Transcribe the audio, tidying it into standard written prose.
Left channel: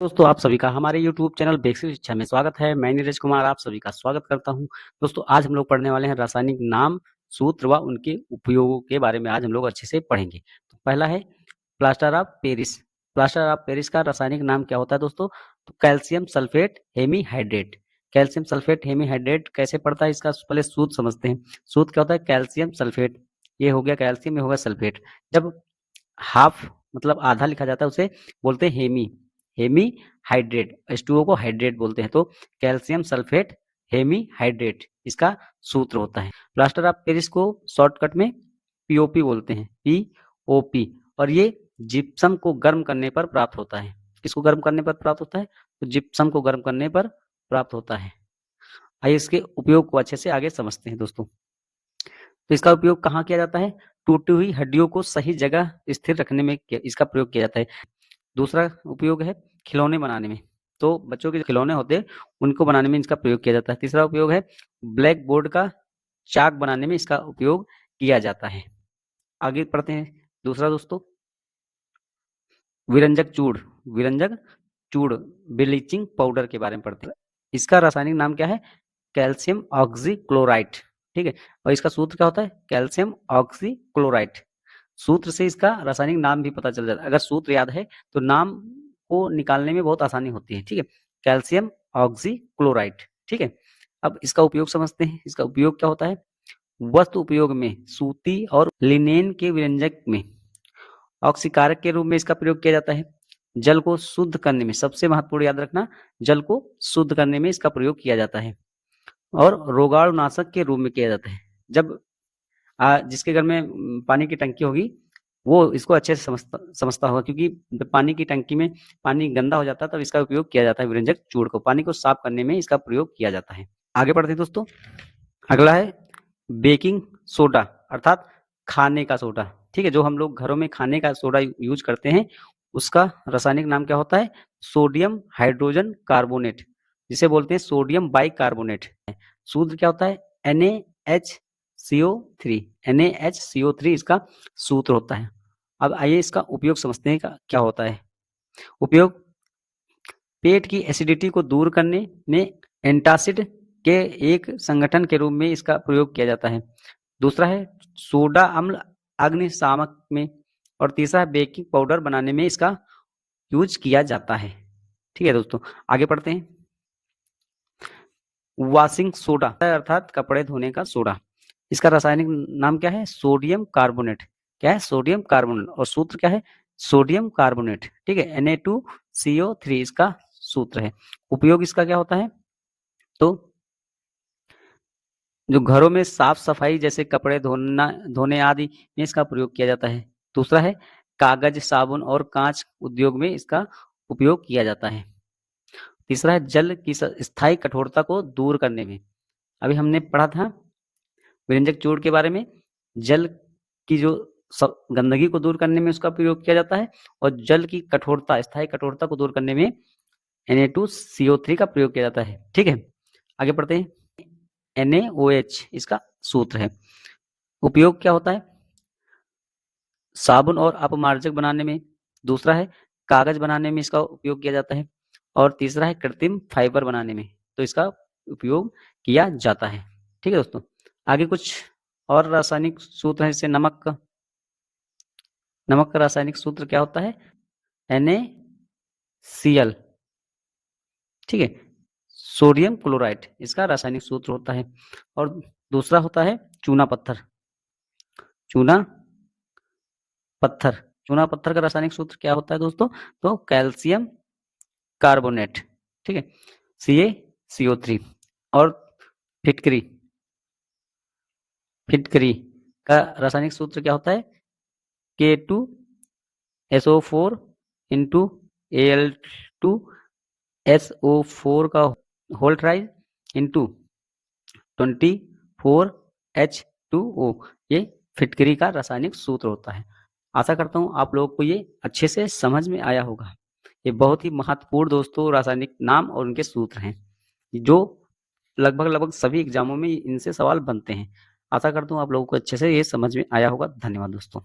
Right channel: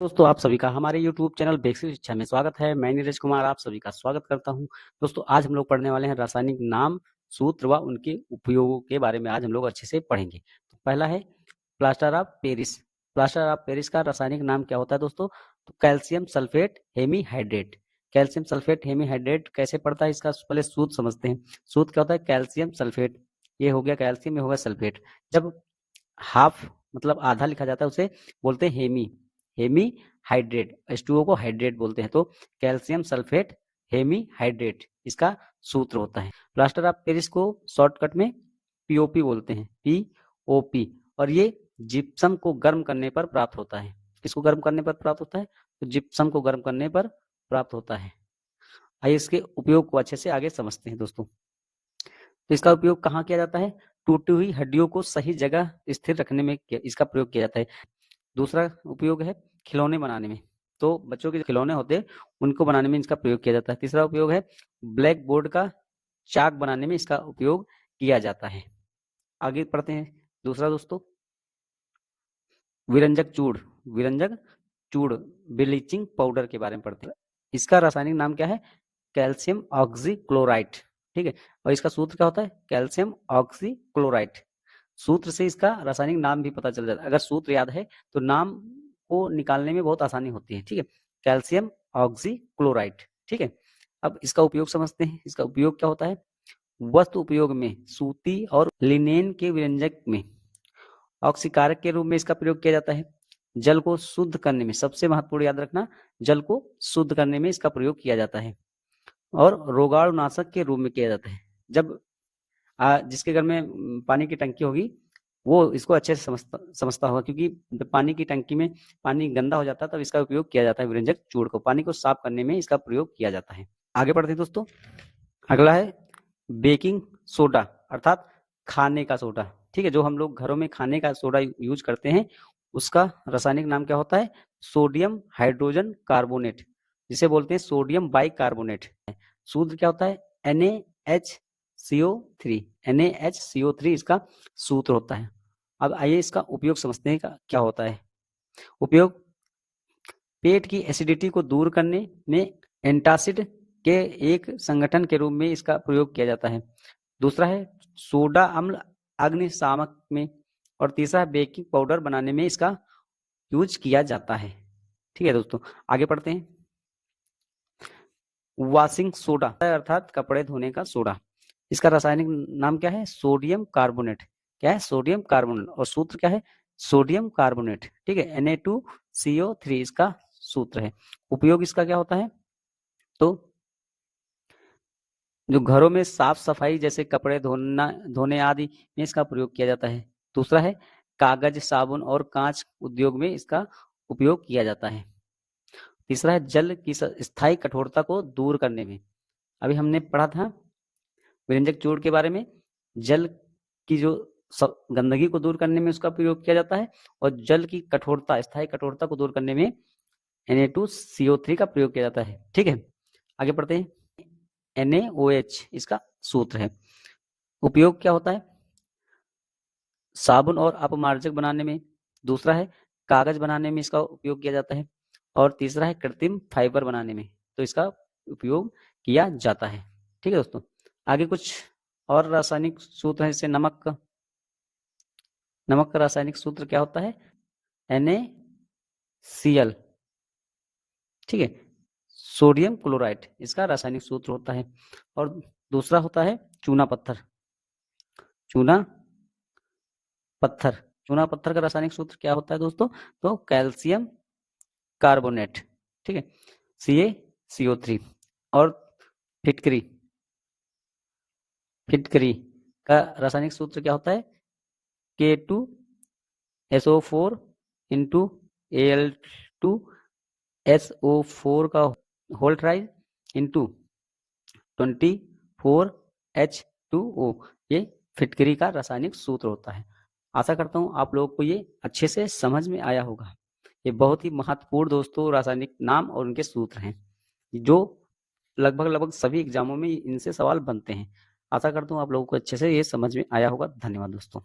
दोस्तों आप सभी का हमारे YouTube चैनल बेसिक शिक्षा में स्वागत है। मैं नीरज कुमार आप सभी का स्वागत करता हूं। दोस्तों आज हम लोग पढ़ने वाले हैं रासायनिक नाम, सूत्र व उनके उपयोगों के बारे में आज हम लोग अच्छे से पढ़ेंगे। तो पहला है plaster of Paris. Plaster of Paris का रासायनिक नाम क्या होता है दोस्तों? तो calcium sulphate hemihydrate. Calcium sulphate hemihydrate कैसे पड़ता है इसका पहले सूत्र समझते हैं। सूत्र क्या होता है? कैल्शियम सल्फेट, ये हो गया कैल्शियम, ये हो गया सल्फेट। जब हाफ मतलब आधा लिखा जाता है उसे बोलते हैं हेमी हाइड्रेट। H2O को हाइड्रेट बोलते हैं। तो कैल्शियम सल्फेट हेमी हाइड्रेट इसका सूत्र होता है। प्लास्टर ऑफ पेरिस को शॉर्टकट में पीओपी बोलते हैं, पीओपी। और ये जिप्सम को गर्म करने पर प्राप्त होता है। किसको गर्म करने पर प्राप्त होता है? तो जिप्सम को गर्म करने पर प्राप्त होता है। आइए इसके उपयोग को अच्छे से आगे समझते हैं दोस्तों। तो इसका उपयोग कहाँ किया जाता है? टूटी हुई हड्डियों को सही जगह स्थिर रखने में इसका प्रयोग किया जाता है। दूसरा उपयोग है खिलौने बनाने में। तो बच्चों के जो खिलौने होते हैं उनको बनाने में इसका प्रयोग किया जाता है। तीसरा उपयोग है ब्लैक बोर्ड का चाक बनाने में इसका उपयोग किया जाता है। आगे पढ़ते हैं दूसरा दोस्तों, विरंजक चूड़। विरंजक चूड़ ब्लीचिंग पाउडर के बारे में पढ़ते हैं। इसका रासायनिक नाम क्या है? Calcium oxychloride. ठीक है, और इसका सूत्र क्या होता है? Calcium oxychloride. सूत्र से इसका रासायनिक नाम भी पता चल जाता है। अगर सूत्र याद है तो नाम को निकालने में बहुत आसानी होती है। ठीक है, कैल्शियम ऑक्सीक्लोराइड। ठीक है, अब इसका उपयोग समझते हैं। इसका उपयोग क्या होता है? वस्तु उपयोग में सूती और लिनेन के व्यंजक में ऑक्सीकारक के रूप में इसका प्रयोग किया जाता है। जल को शुद्ध करने में, सबसे महत्वपूर्ण याद रखना, जल को शुद्ध करने में इसका प्रयोग किया जाता है। और रोगाणुनाशक के रूप में किया जाता है। जब जिसके घर में पानी की टंकी होगी वो इसको अच्छे से समझता होगा, क्योंकि जब पानी की टंकी में पानी गंदा हो जाता है तब इसका उपयोग किया जाता है। विरंजक चूड़ को पानी को साफ करने में इसका प्रयोग किया जाता है। आगे बढ़ते हैं दोस्तों। अगला है बेकिंग सोडा अर्थात खाने का सोडा। ठीक है, जो हम लोग घरों में खाने का सोडा यूज करते हैं उसका रासायनिक नाम क्या होता है? सोडियम हाइड्रोजन कार्बोनेट, जिसे बोलते हैं सोडियम बाइकार्बोनेट। सूत्र क्या होता है? NaHCO3। NaHCO3 इसका सूत्र होता है। अब आइए इसका उपयोग समझते हैं क्या होता है। उपयोग पेट की एसिडिटी को दूर करने में एंटासिड के एक संगठन के रूप में इसका प्रयोग किया जाता है। दूसरा है सोडा अम्ल अग्निशामक में। और तीसरा है बेकिंग पाउडर बनाने में इसका यूज किया जाता है। ठीक है दोस्तों, आगे पढ़ते हैं। वॉशिंग सोडा अर्थात कपड़े धोने का सोडा। इसका रासायनिक नाम क्या है? Sodium carbonate. क्या है? Sodium carbonate. और सूत्र क्या है? Sodium carbonate. ठीक है, Na2CO3 इसका सूत्र है। उपयोग इसका क्या होता है? तो जो घरों में साफ सफाई जैसे कपड़े धोने आदि में इसका प्रयोग किया जाता है। दूसरा है कागज, साबुन और कांच उद्योग में इसका उपयोग किया जाता है। तीसरा है जल की स्थायी कठोरता को दूर करने में। अभी हमने पढ़ा था व्यंजक चूड़ के बारे में। जल की जो गंदगी को दूर करने में उसका प्रयोग किया जाता है और जल की कठोरता, स्थायी कठोरता को दूर करने में Na2CO3 का प्रयोग किया जाता है। ठीक है, आगे पढ़ते हैं। NaOH इसका सूत्र है। उपयोग क्या होता है? साबुन और अपमार्जक बनाने में। दूसरा है कागज बनाने में इसका उपयोग किया जाता है। और तीसरा है कृत्रिम फाइबर बनाने में, तो इसका उपयोग किया जाता है। ठीक है दोस्तों, आगे कुछ और रासायनिक सूत्र है। जैसे नमक का रासायनिक सूत्र क्या होता है? NaCl। ठीक है, सोडियम क्लोराइड इसका रासायनिक सूत्र होता है। और दूसरा होता है चूना पत्थर। चूना पत्थर का रासायनिक सूत्र क्या होता है दोस्तों? तो कैल्शियम कार्बोनेट। ठीक है, CaCO3। और फिटकरी का रासायनिक सूत्र क्या होता है? K2SO4 इंटू Al2SO4 का होल ट्राइज इंटू 24H2O। ये फिटकरी का रासायनिक सूत्र होता है। आशा करता हूँ आप लोगों को ये अच्छे से समझ में आया होगा। ये बहुत ही महत्वपूर्ण दोस्तों रासायनिक नाम और उनके सूत्र हैं, जो लगभग सभी एग्जामों में इनसे सवाल बनते हैं। आशा करता हूँ आप लोगों को अच्छे से ये समझ में आया होगा। धन्यवाद दोस्तों।